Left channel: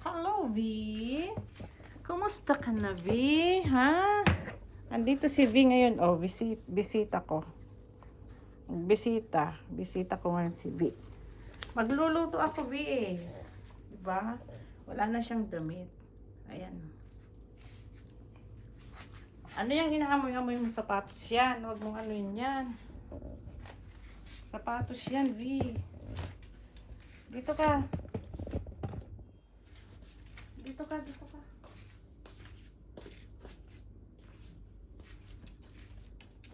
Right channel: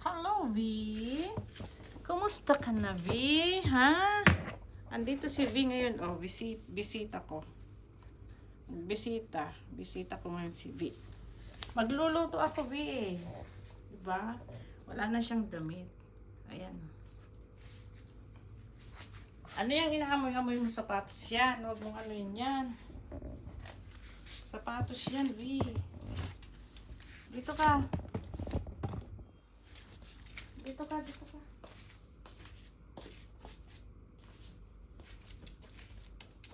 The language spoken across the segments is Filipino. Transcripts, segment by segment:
Hello, V. Kumusta ka na, V? Ha? Andito si V ngayon. Oh, bisita ko. Bisita ko ngayon si V. Magluluto ako, V eh. Diba? Wala na siyang damit. Ayan. Ano yung inaamoy-amoy mo? Sapatos yan. Huwag mong ano yan. Sapatos yan, V. Dito ka. Dito ka.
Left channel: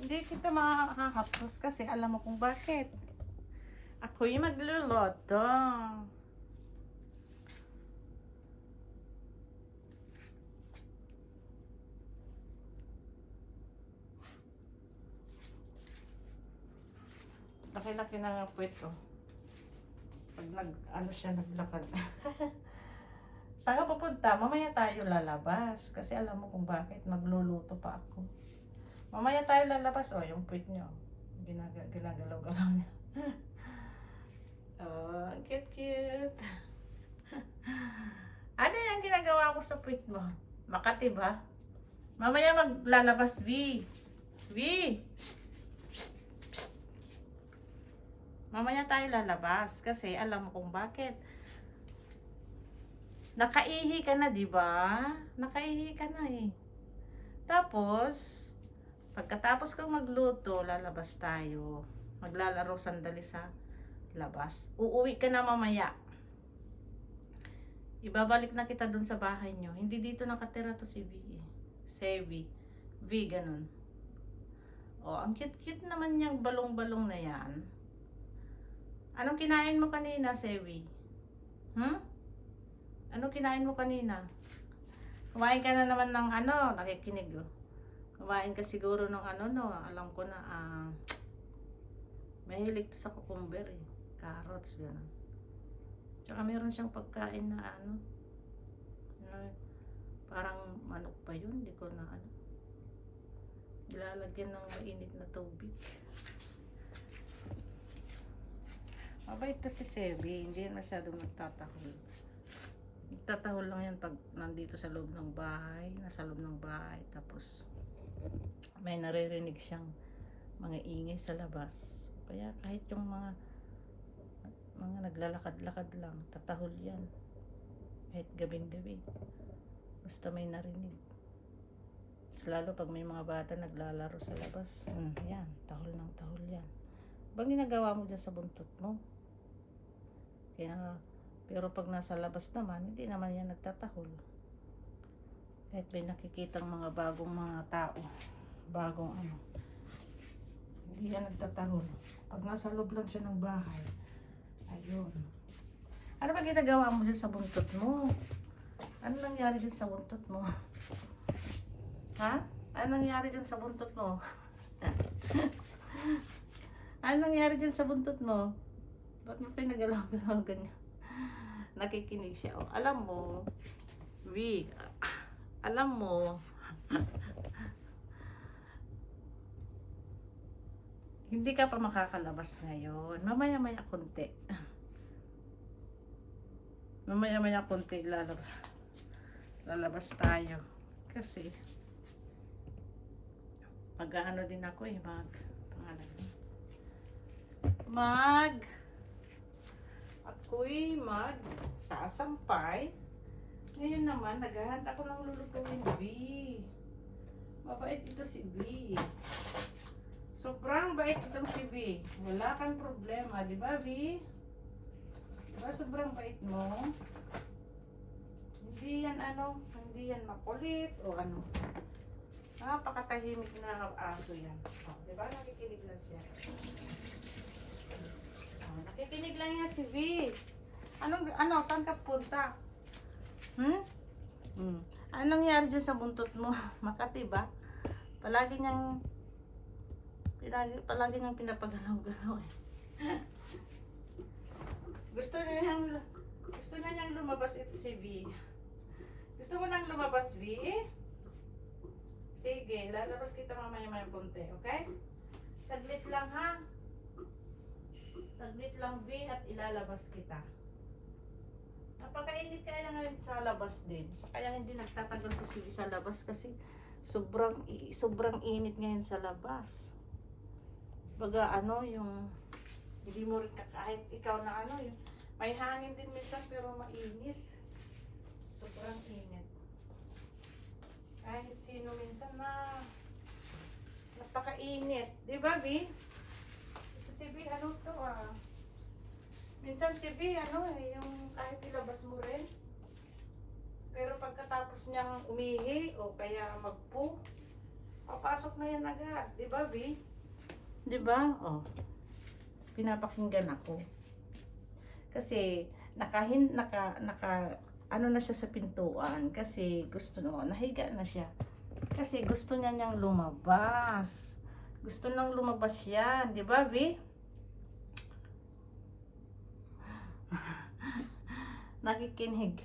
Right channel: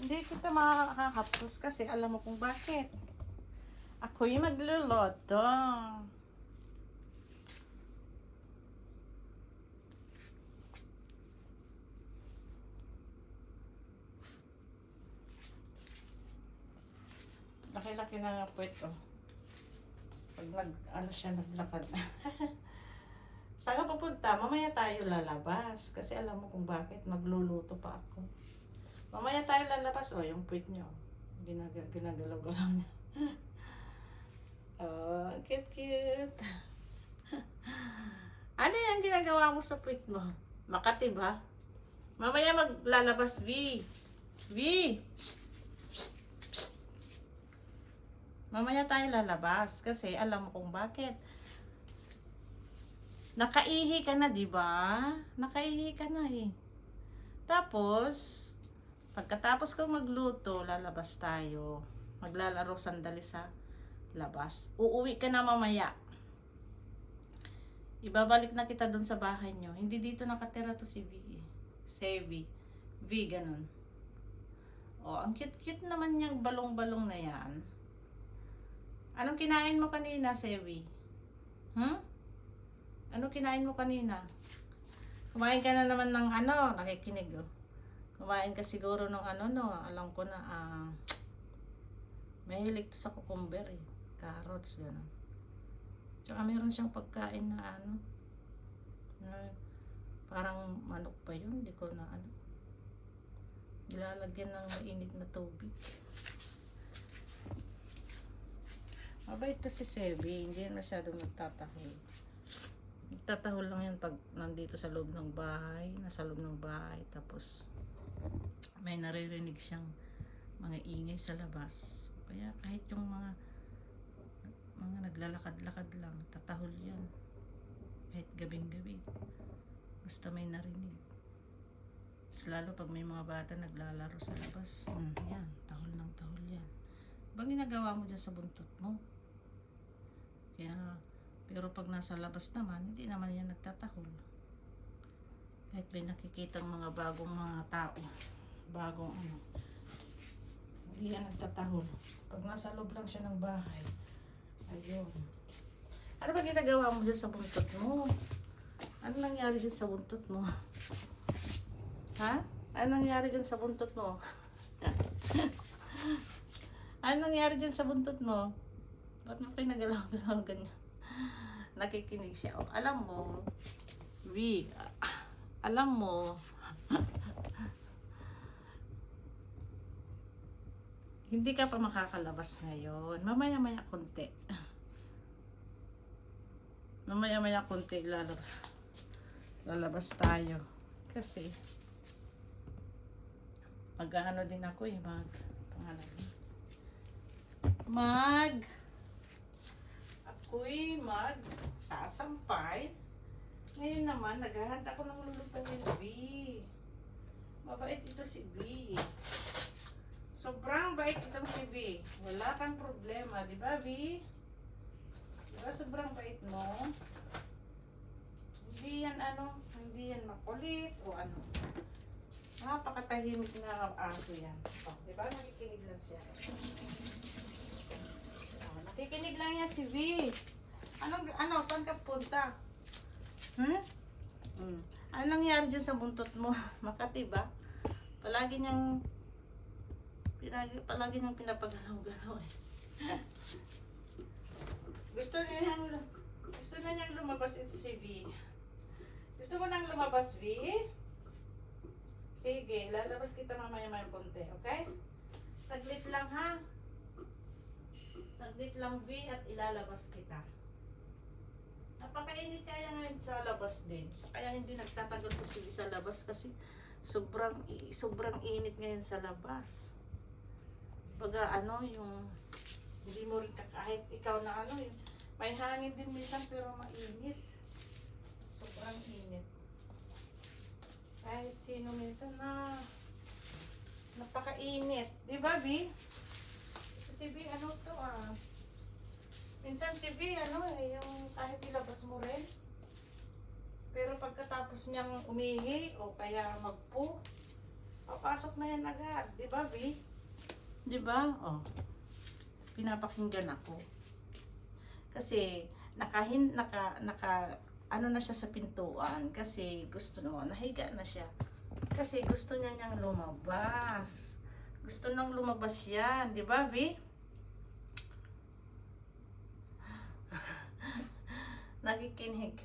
Hindi kita makakahapos kasi alam mo kung bakit. Ako yung magluluto. Laki-laki na nga po ito. Pag naglakad. Saan ka pupunta? Mamaya tayo lalabas. Kasi alam mo kung bakit. Magluluto pa ako. Mamaya tayo lalabas. Oh, yung puwit nyo. Ginagalaw-galaw niya. Oh, cute. Ano yung ginagawa mo sa puwit mo? Makati ba? Mamaya maglalabas, V. V! Psst! Psst! Mamaya tayo lalabas. Kasi alam mo kung bakit. Nakaihi ka na, di ba? Nakaihi ka na eh. Tapos, pagkatapos kong magluto, lalabas tayo. Maglalaro sandali sa labas. Uuwi ka na mamaya. Ibabalik na kita dun sa bahay nyo. Hindi dito nakatira to si V. Sevi. V, ganun. Oh, ang cute-cute naman niyang balong-balong na yan. Anong kinain mo kanina, Sevi? Ano kinain mo kanina? Kumain ka na naman ng ano, nakikinig oh. Kumain ka siguro ng ano no, alam ko na mahilig to sa cucumber eh. Carrots yun. Tsaka meron siyang pagkain na ano, parang manok pa yun, hindi ko na ano. Ilalagyan ng mainit na tubig. Mabait to si Sebi, hindi yan masyadong nagtatahol. Nagtatahol lang yan pag nandito sa loob ng bahay, nasa loob ng bahay, tapos may naririnig siyang mga ingay sa labas. Kaya kahit yung mga naglalakad-lakad lang, tatahol yan. Kahit gabing-gabi. Basta may narinig. Mas lalo pag may mga bata naglalaro sa labas. Yan, tahol ng tahol yan. Bang ginagawa mo dyan sa buntot mo? Kaya, pero pag nasa labas naman, hindi naman yan nagtatahol. Kahit may nakikitang mga bagong mga tao, bagong ano, hindi yan nagtatahol. Pag nasa loob lang siya ng bahay, ayun. Ano ba ginagawa mo dyan sa buntot mo? Ano nangyari dyan sa buntot mo? Ha? Ano nangyari dyan sa buntot mo? Ano nangyari dyan sa buntot mo? Ba't mo pinagalaw-galaw ganyan? Nakikinig siya. Oh, alam mo, V, alam mo, hindi ka pa makakalabas ngayon. Mamaya-maya konti. Mamaya-maya konti lalabas tayo. Kasi, mag-ano din ako eh, ako'y sasampay. Ngayon naman, naghahanda ko ng lulutuin, V. Mabait ito si V. Sobrang bait itong si V. Wala kang problema, di ba, V? Diba sobrang bait mo? Hindi yan hindi yan makulit o ano. Napakatahimik na aso yan. Oh, diba? Nakikinig lang siya. Oh, nakikinig lang yan si V. Saan ka punta? Ano nangyari dyan sa buntot mo? Makati ba? Palagi niyang pinapagalaw-galaw eh. Gusto na niyang lumabas ito si V. Gusto mo nang lumabas, V? Sige, lalabas kita mamaya-maya konti, okay? Saglit lang ha. Saglit lang, V, at ilalabas kita. Napakainit kaya ngayon sa labas din. Kaya hindi nagtatagal to si sa labas kasi sobrang init ngayon sa labas. Baga ano yung hindi mo rin kahit ikaw na ano yung may hangin din minsan pero mainit. Sobrang init. Kahit sino minsan na napakainit. Di ba, Vi? Ito si Vi, ano to minsan si Vi, yung kahit ilabas mo rin. Pero pagkatapos niyang umihi o kaya magpo, papasok na yan agad. Di ba, Vi? Di ba? Oh, pinapakinggan ako. Kasi ano na siya sa pintuan kasi gusto nahiga na siya. Kasi gusto niyang lumabas. Gusto nang lumabas yan, di ba, Vi? Nakikinig.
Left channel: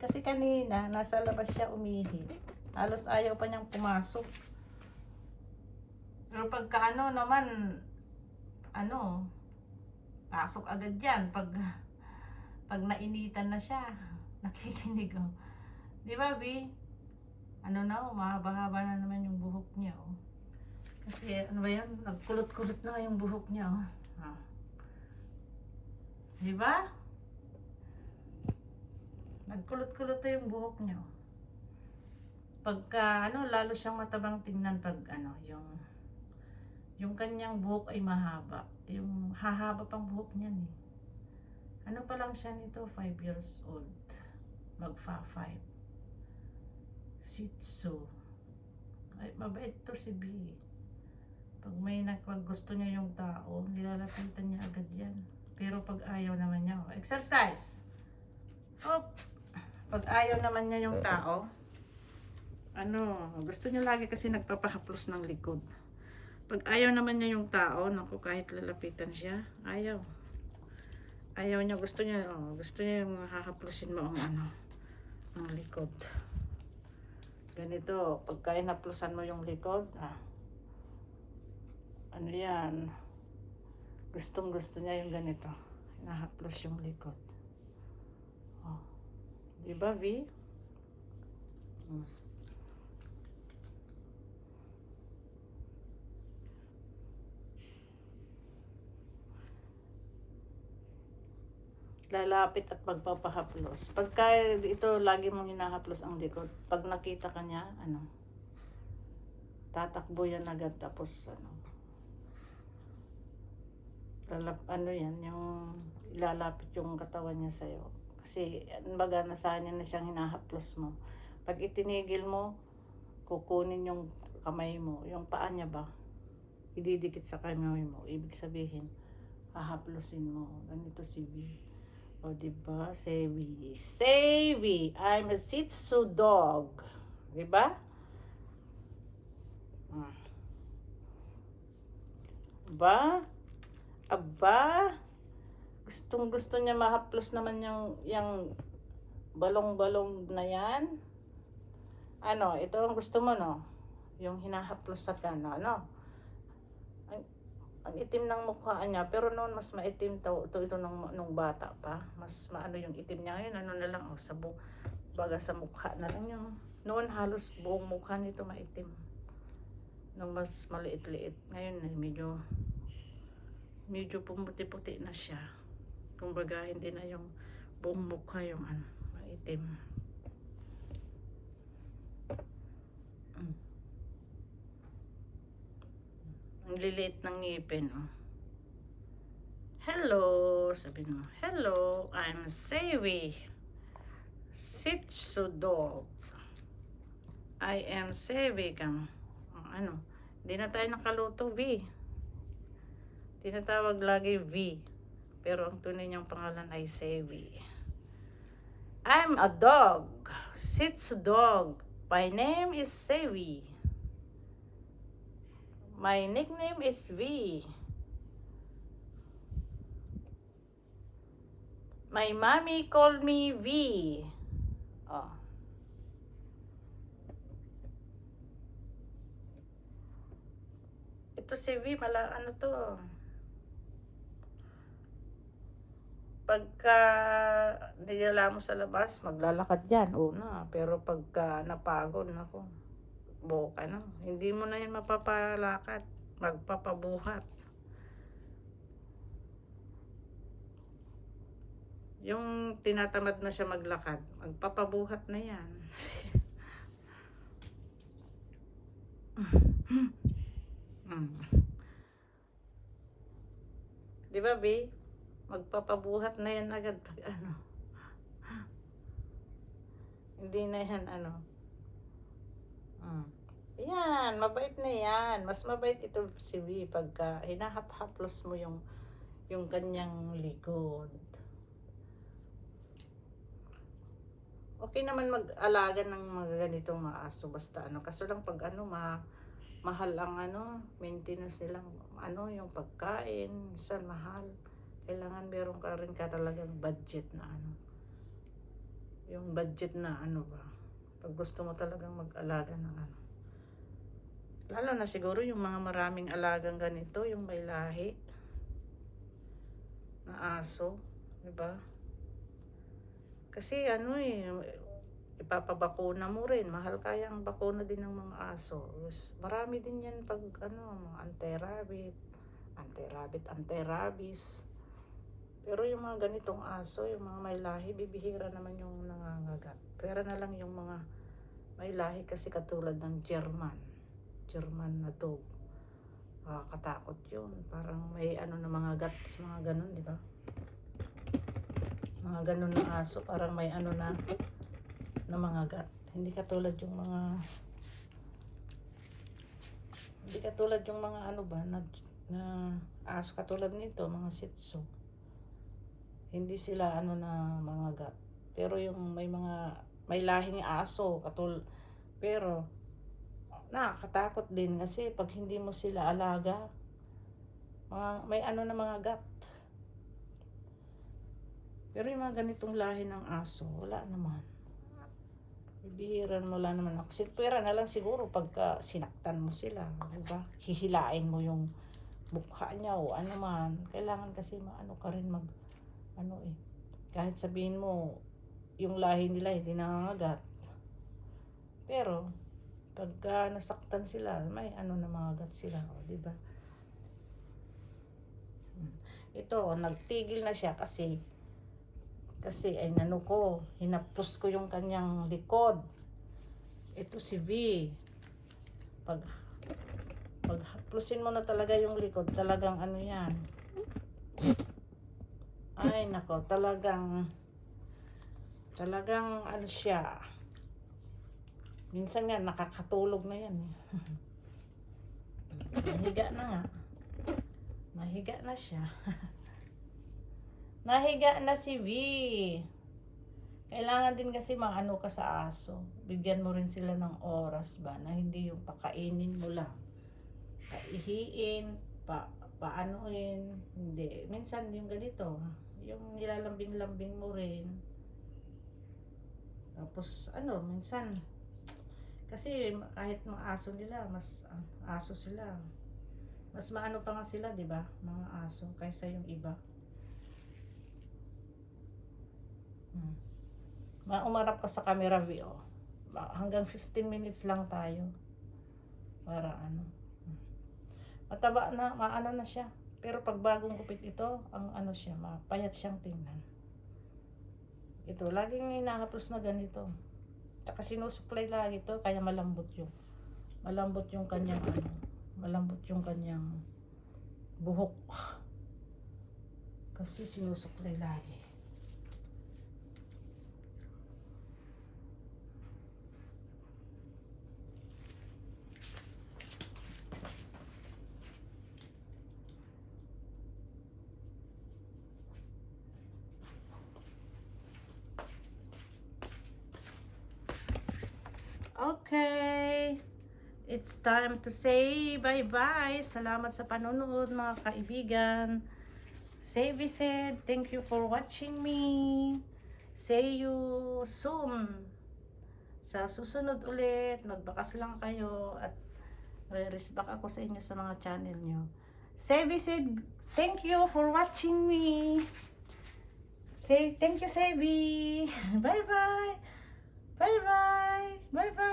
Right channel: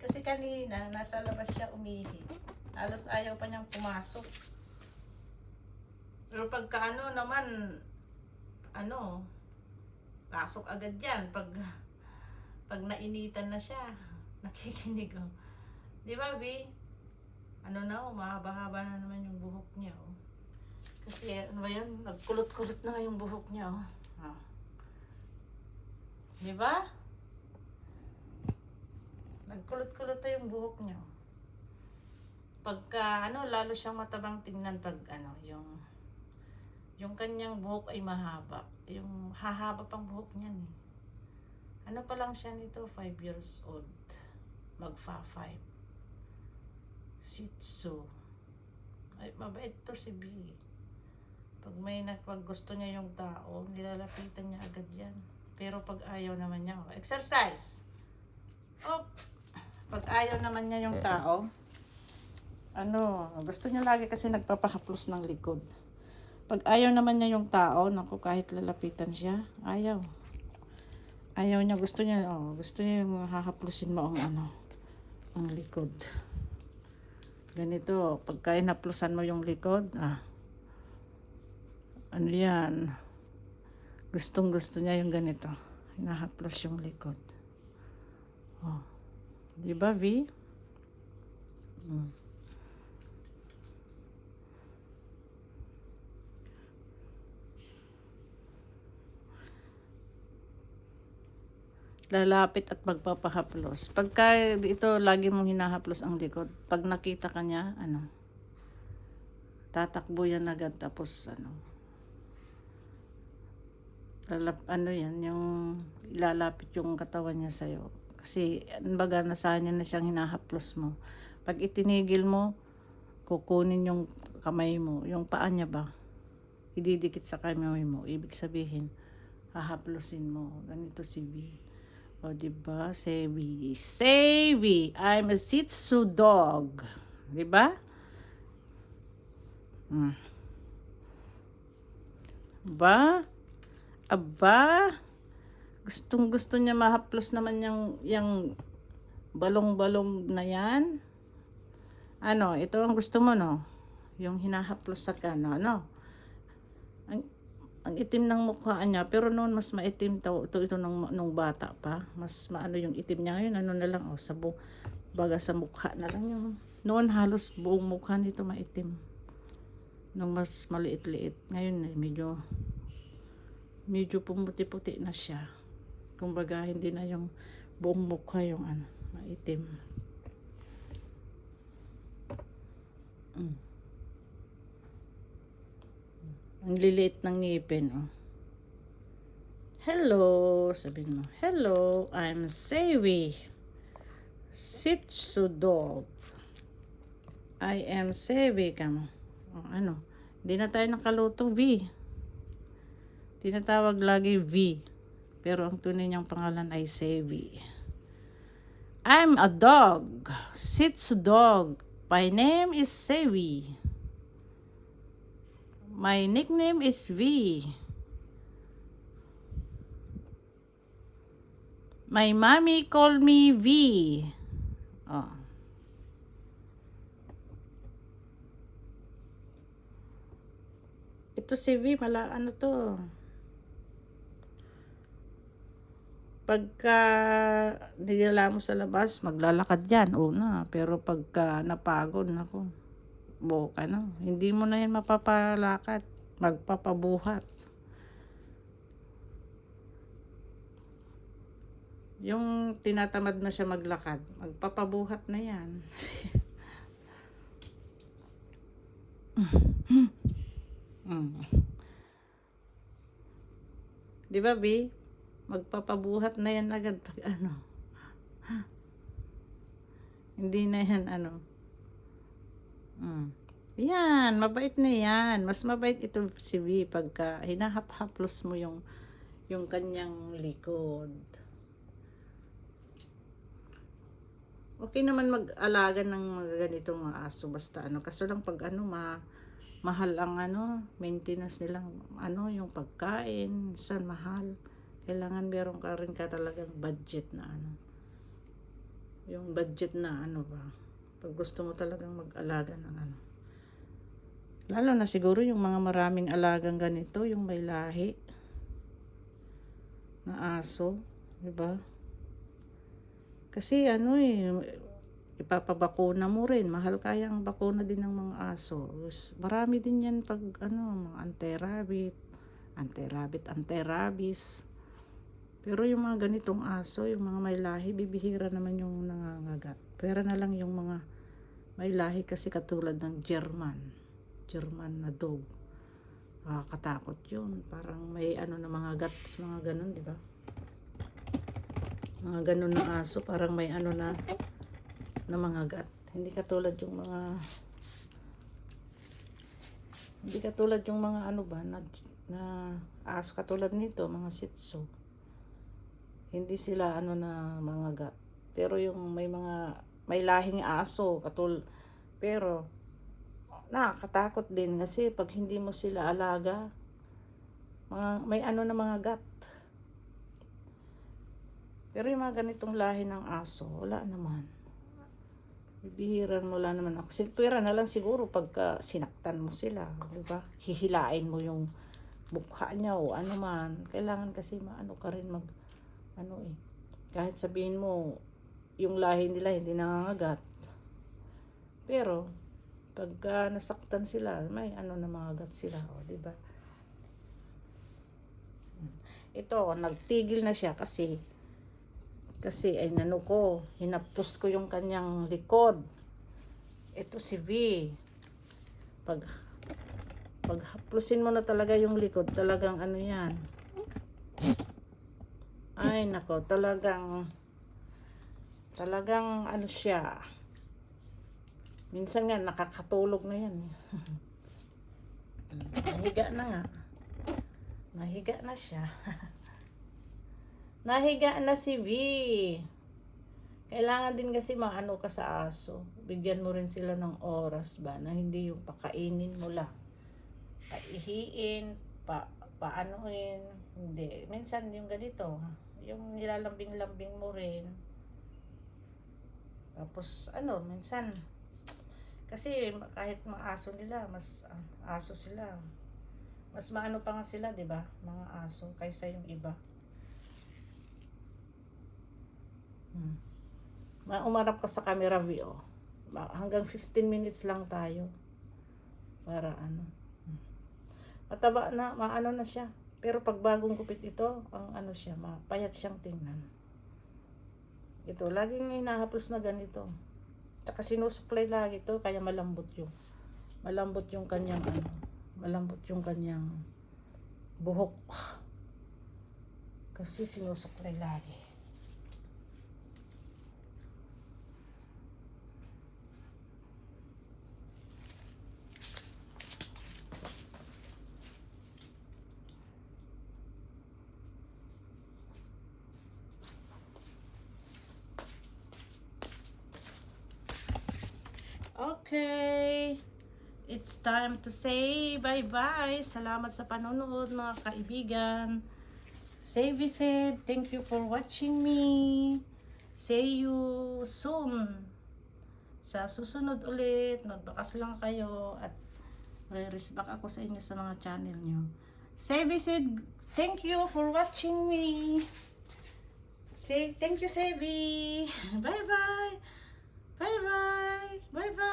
Kasi kanina, nasa labas siya umihi. Halos ayaw pa niyang pumasok. Pero pagka naman, pasok agad yan. Pag nainitan na siya, nakikinig. Oh. Di ba, Vi? Mahaba-haba na naman yung buhok niya. Oh. Kasi, nagkulot-kulot na nga yung buhok niya. Oh. Di ba? Nagkulot-kulot na yung buhok niya. Pagka, lalo siyang matabang tingnan pag, yung kanyang buhok ay mahaba. Yung hahaba pang buhok niyan eh. Ano pa lang siya nito? 5 years old. Magfa 5. Shih Tzu. Ay, mabait to si B. Pag gusto niya yung tao, nilalapitan niya agad yan. Pero pag ayaw naman niya, exercise! Oh! Pag ayaw naman niya yung tao, gusto niya lagi kasi nagpapahaplos ng likod. Pag ayaw naman niya yung tao, kahit lalapitan siya, ayaw. Ayaw niya, gusto niya yung hahaplusin mo ang likod. Ganito, pagka inaplusan mo yung likod, yan. Gustong-gusto niya yung ganito. Hinahaplos yung likod. Oh. Diba, Vi? Lalapit at magpapahaplos. Pagka ito, lagi mong hinahaplos ang likod. Pag nakita ka niya, tatakbo yan agad. Tapos, yung ilalapit yung katawan niya sa'yo. Kasi, nasanyan na siyang hinahaplos mo. Pag itinigil mo, kukunin yung kamay mo, yung paa niya ba, ididikit sa kamay mo. Ibig sabihin, hahaplosin mo. Ganito si B. O, diba? Savvy. I'm a Shih Tzu dog. Diba? Diba? Aba? Gustong-gusto niya mahaplos naman yung balong-balong na yan. Ito ang gusto mo, no? Yung hinahaplos sa ang itim ng mukha niya, pero noon mas maitim ito nung bata pa. Mas maano yung itim niya ngayon, na lang, baga sa mukha na lang yung. Noon halos buong mukha nito maitim. Nung mas maliit-liit. Ngayon medyo pumuti-puti na siya. Kumbaga hindi na yung buong mukha yung maitim. Ang liliit ng ngipin, oh. Hello, sabi mo. Hello, I'm Savvy. Shih Tzu dog. I am Savvy. Hindi na tayo nakalutong V. Tinatawag lagi V. Pero ang tunay niyang pangalan ay Savvy. I'm a dog. Shih Tzu dog. My name is Savvy. My nickname is V. My mommy call me V. Oh. Ito si V, to. Pagka dinala mo sa labas, maglalakad yan, una. Pero pagka napagod, ako, boka na. Hindi mo na yan mapapalakad. Magpapabuhat. Yung tinatamad na siya maglakad, magpapabuhat na yan. Di ba, B? Magpapabuhat na yan agad pag ano. Hindi na yan ano. Yan, mabait na yan. Mas mabait ito si B pagka hinahap-haplos mo yung kanyang likod. Okay naman mag-alaga ng ganitong mga aso basta ano. Kaso lang pag ano, mahal ang ano, maintenance nilang ano, yung pagkain, saan mahal. Kailangan meron ka rin ka talagang budget na ano. Yung budget na ano ba. Pag gusto mo talagang mag-alaga ng ano. Lalo na siguro yung mga maraming alagang ganito, yung may lahi na aso, di ba? Kasi ano ipapabakuna mo rin. Mahal kayang bakuna din ng mga aso. Marami din yan pag ano, anti-rabbit, anti-rabies. Pero yung mga ganitong aso, yung mga may lahi, bibihira naman yung nangangagat. Pero na lang yung mga may lahi kasi katulad ng German na dog. Katakot yun. Parang may ano na mga guts, mga ganun, di ba? Mga ganun na aso, parang may ano na mga gat. Hindi katulad yung mga ano ba na aso katulad nito, mga Shih Tzu. Hindi sila ano na mga gat. Pero yung may lahing aso pero nakakatakot din kasi pag hindi mo sila alaga, may ano na mga gat. Pero yung mga ganitong lahi ng aso, wala naman. Bibihiran mo lang naman. Pwera na lang siguro pagka sinaktan mo sila. Diba? Hihilain mo yung mukha niya o ano man. Kailangan kasi maano ka rin kahit sabihin mo, yung lahi nila hindi nangangagat. Pero, pagka nasaktan sila, may ano na mga gat sila. Diba? Ito, nagtigil na siya kasi ay hinapos ko yung kanyang likod. Ito si V. Pag haplusin mo na talaga yung likod, talagang ano yan. Ay nako, talagang ano siya. Minsan nga nakakatulog na yan. Nahiga na siya. Nahiga na si V. Kailangan din kasi maano ka sa aso. Bigyan mo rin sila ng oras ba na hindi yung pakainin mo lang. Paihiin, paanoin. Hindi. Minsan yung ganito, yung nilalambing-lambing mo rin. Tapos minsan kasi kahit mga aso nila, mas aso sila. Mas maano pa nga sila, 'di ba? Mga aso kaysa yung iba. Umarap ka sa camera view. Hanggang 15 minutes lang tayo. Para ano. Mataba na, maano na siya. Pero pag bagong gupit ito, ang ano siya, mapayat siyang tingnan. Ito, laging hinahaplos na ganito. Tsaka sinusuklay lagi ito, kaya malambot yung kanyang buhok. Kasi sinusuklay lagi. Okay. It's time to say bye-bye. Salamat sa panonood mga kaibigan. Say visit. Thank you for watching me. See you soon. Sa susunod ulit, magbakas lang kayo at re-respect ako sa inyo sa mga channel nyo. Say visit. Thank you for watching me. Say, thank you, Sebi. Bye-bye. Bye-bye. Bye-bye.